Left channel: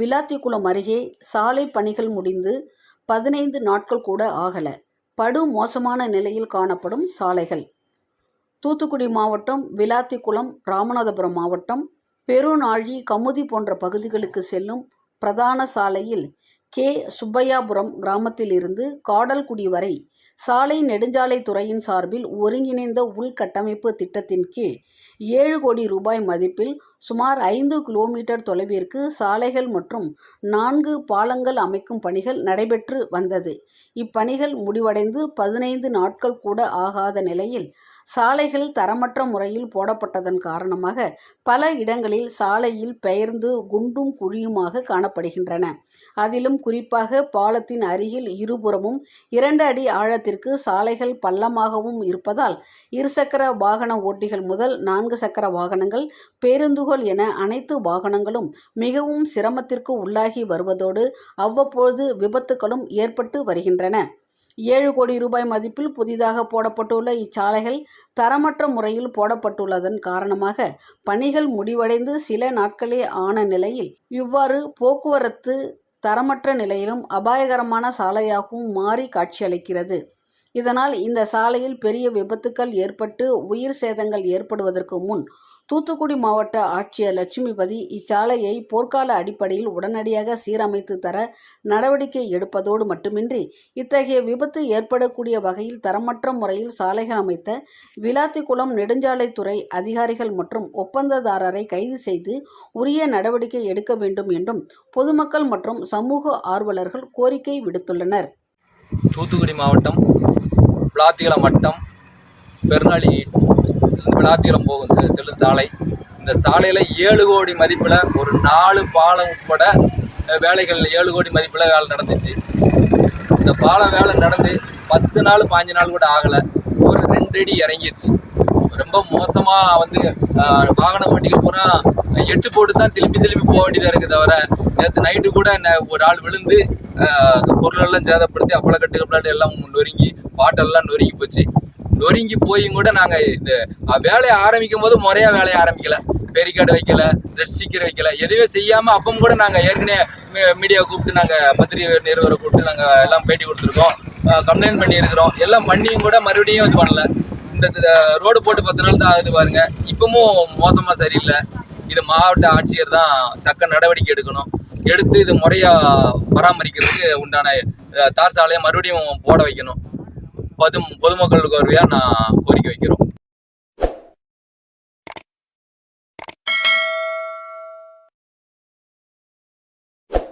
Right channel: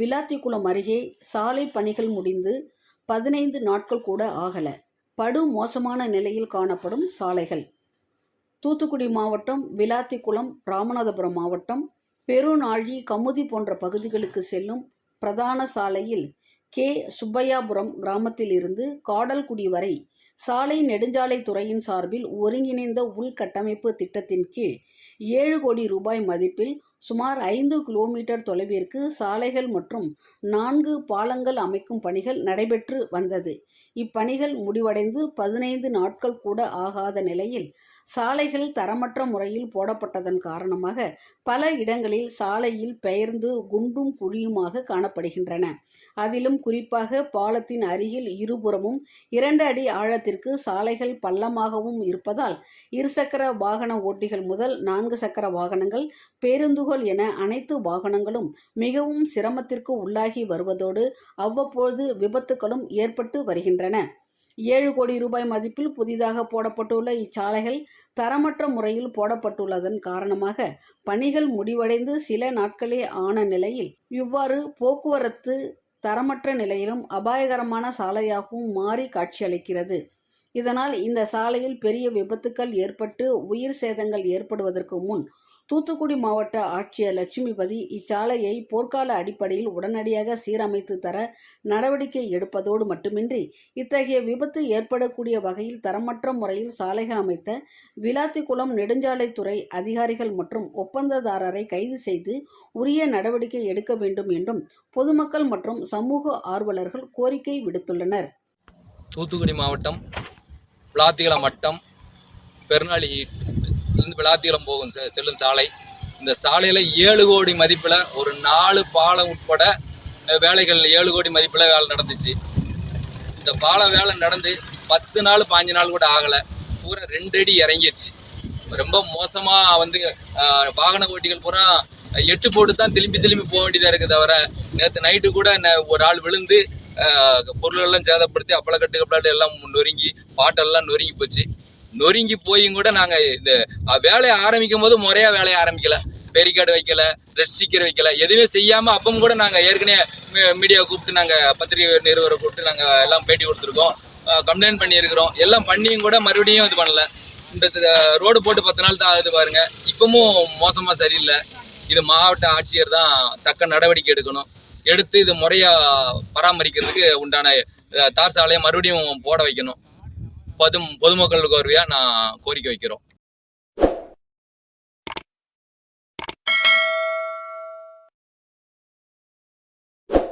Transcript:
விளாத்திக்குளம் அருகே சாலை பணிகள் முடிந்து பதினைந்து நாட்கள் கூட ஆகல. படு மோசமான நிலையில் காணப்படும் சாலைகள். தூத்துக்குடி மாவட்டம் விளாத்திக்குளம் ராமநாதபுரம் மாவட்டம் பெருநாழி கமுதி போன்ற பகுதிகளுக்கு செல்லும் பிரதான சாலையில் கே. சுப்பையாபுரம் கிராமத்திலிருந்து காடல்குடி வரை சாலை நெடுஞ்சாலை துறையின் சார்பில் ஒருங்கிணைந்த உள்கட்டமைப்பு திட்டத்தின் கீழ் ஏழு கோடி ரூபாய் மதிப்பில் சுமார் ஐந்து கிலோமீட்டர் தொலைவிற்கு சாலைகள் மற்றும் நான்கு பாலங்கள் அமைக்கும் பணிகள் நடைபெற்று வந்தது. இப்பணிகள் முடிவடைந்து பதினைந்து நாட்கள் கூட ஆகாத நிலையில் சாலைகள் தரமற்ற முறையில் போடப்பட்டதன் காரணமாக பல இடங்களில் சாலையில் பெயர்ந்து குண்டும் குழியுமாக காணப்படுகின்றன. அதிலும் குறிப்பாக பாலத்தின் அருகில் இருபுறமும் இரண்டு அடி ஆழத்திற்கு சாலைகள் பள்ளமாகவும் இருப்பதால் இருசக்கர வாகன ஓட்டிகள் முதல் நான்கு சக்கர வாகனங்கள் பேருந்துகள் என அனைத்து வாகனங்களும் மிகவும் சிரமத்திற்கு உள்ளாகி வருவதோடு அவ்வப்பொழுது விபத்துகளும் ஏற்பட்டு வருகின்றன. ஏழு கோடி ரூபாய் மதிப்பில் புதிதாக போடப்பட்டுள்ள இச்சாலைகள் தரமற்ற முறையில் போடப்பட்டுள்ளதன் காரணமாக பணிகள் முடிவடைந்து சில நாட்களே ஆன நிலையில் இவ்வாறு போக்குவரத்து தரமற்ற நிலையிலும் அபாயகரமான சாலையாகவும் மாறி காட்சியளிக்கிறது. இதனால் இந்த சாலையில் பெரிய விபத்துக்கள் ஏற்பட்டு உயிர் சேதங்கள் ஏற்படுவதற்கு முன் தூத்துக்குடி மாவட்ட ஆட்சியர் லட்சுமிபதி இச்சாலையை போர்க்கால அடிப்படையில் உடனடியாக சீரமைத்து தர நடவடிக்கை எடுப்பதோடு மட்டுமின்றி இத்தகைய விபத்து ஏற்படக்கூடிய வகையில் தரமற்ற முறையில் சாலைகள் அமைத்த விளாத்திக்குளம் நெடுஞ்சாலைத்துறை அதிகாரிகள் மற்றும் ஒப்பந்ததாரரை கைது செய்து உரிய நடவடிக்கை எடுக்க வேண்டும் என்றும் பொதுமக்கள் மற்றும் சமூக ஆர்வலர்கள் கோரிக்கை விடுத்துள்ளனர். தூத்துக்குடி மாவட்டம் விளாத்திகுளம் வட்டம் பெருநாளி இருந்து போகும் செல்லும் சாலை. இந்த சாலையில் ஏழு கோடி மதிப்பில் ஒரு நாலு பாலம் உட்பட வேலைகள் ஏழு கோடி மதிப்பில் வேலை நடந்துச்சு. இந்த பாலம் வேலை நடந்து பத்து நாள் பாஞ்சு நாள் கூட ஆகலை. ஒரு ரெண்டு அடி இறங்கிடுச்சு ரொம்ப மோசமாக வந்து வாகன ஓட்டிகள் பூரா எட்டு போட்டு தான் திரும்பி திரும்பி போக வேண்டியதாக இருக்குது தவிர நேற்று நைட்டு கூட என்ன ஒரு ஆள் விழுந்து பொருளெல்லாம் சேதப்படுத்தி அப்பளக்கட்டு கப்பலாட்டு எல்லாம் நொறுங்கி பாட்டெல்லாம் நொறுங்கி போச்சு. நொறுங்கி போயும் கூட நாங்கள் இந்த வேலையை ஆரம்பிக்கும் போது முறையாக வேலையை ஆரம்பிக்கல. பேரிகார்டு வைக்கல ரெட் ஸ்டிக்கர் வைக்கல எதுவுமே செய்யாமல் அப்பவும் கூட நாங்கள் ஏற்கனவே மீடியா கூப்பிட்டு நாங்கள் பத்திரிகை நிறுவனம் கூப்பிட்டு நாங்கள் எல்லாம் பேட்டி கொடுத்துருக்கோம். கம்ப்ளைண்ட் பண்ணியிருக்கிறோம். எல்லாம் பண்ணியும் கூட மறுபடியும் இது பண்ணல. இந்த ரோடு போட்டு பத்து நாள் தான் ஆகுது பாருங்க. இப்பவும் மோசமாக சரியில்லை. இது மாவட்ட ஆட்சியர் தான் தக்க நடவடிக்கை எடுக்கணும். எடுத்து இது முறையாக பராமரிக்கிறதுக்கு உண்டான தார் சாலையை மறுபடியும் போட வைக்கணும். பொது பொதுமக்களுக்கு வருவையாக நான் கோரிக்கை வைக்கிறோம்.